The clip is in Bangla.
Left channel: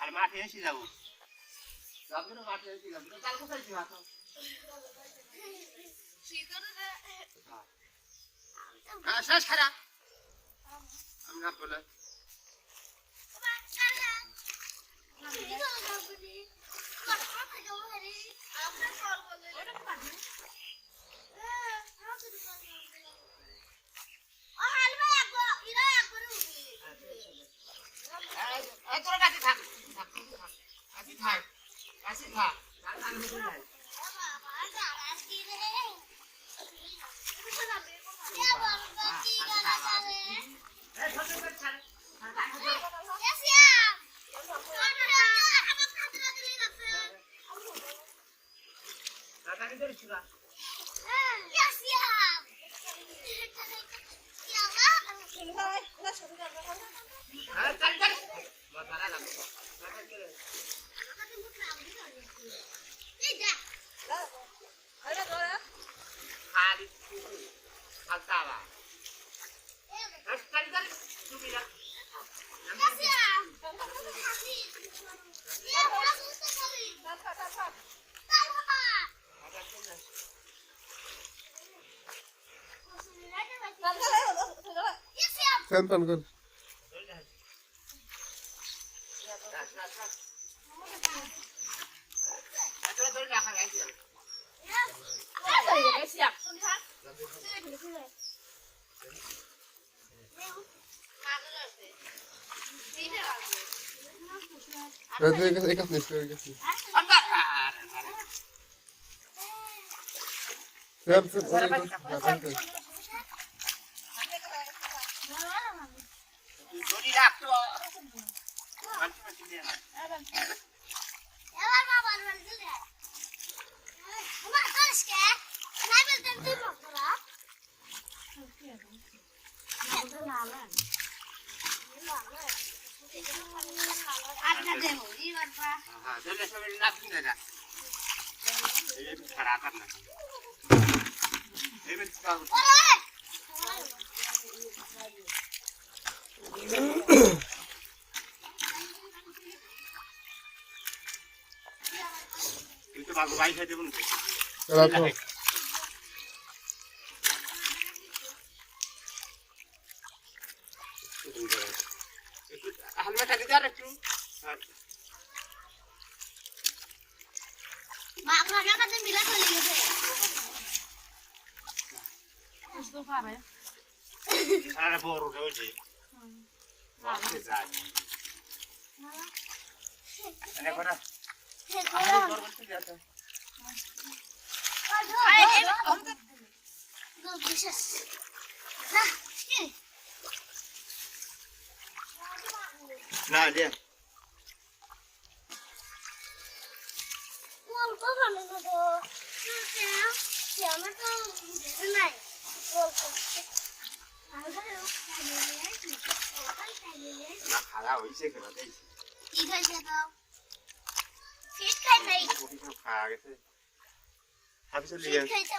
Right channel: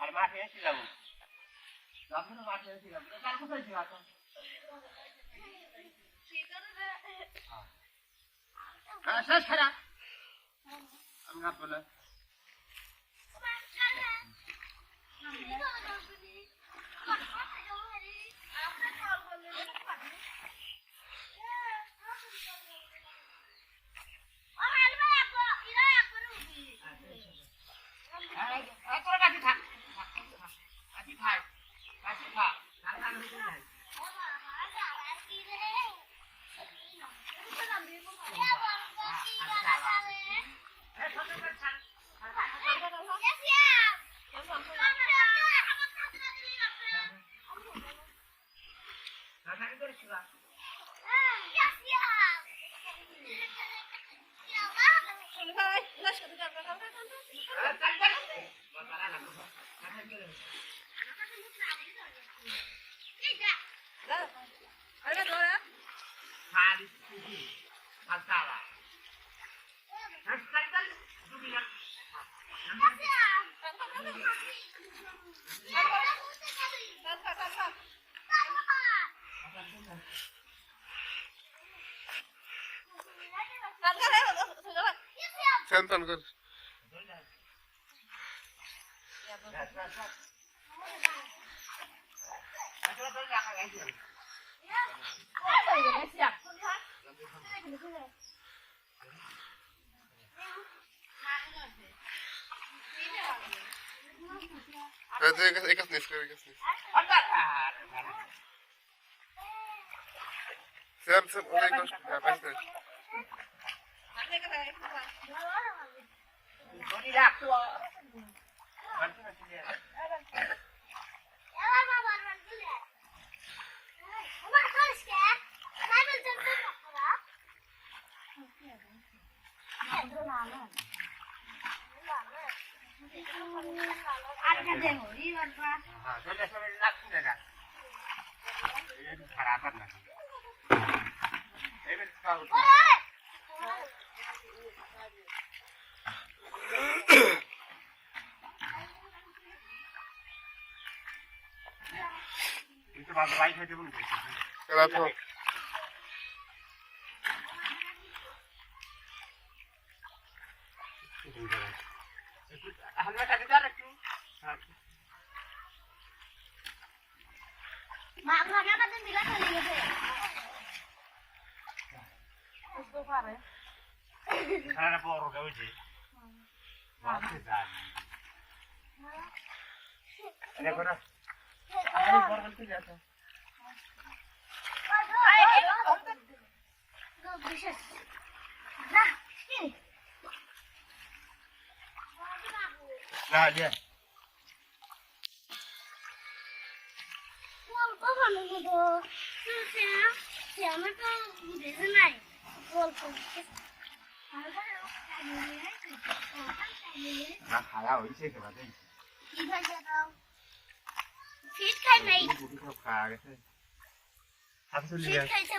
আর মাঠে এসে যাবো মাঠে এসে যাবো কাল কোথায় ছিল এখন শেষ খারাপ আমি না বলে Cantan kır. Hadi ikat nih, ikat nih. Siap, oraya ikut. Ngapain tuh? Kenapa? সারা বড় হয়েছে দেখো না না দিয়ে না খাওয়া হয়েছে খেলা দিয়েছি কি খাইছে তো ফিট খাই নাই খাওয়া গেছে হাফ চলে ফিট খাইছে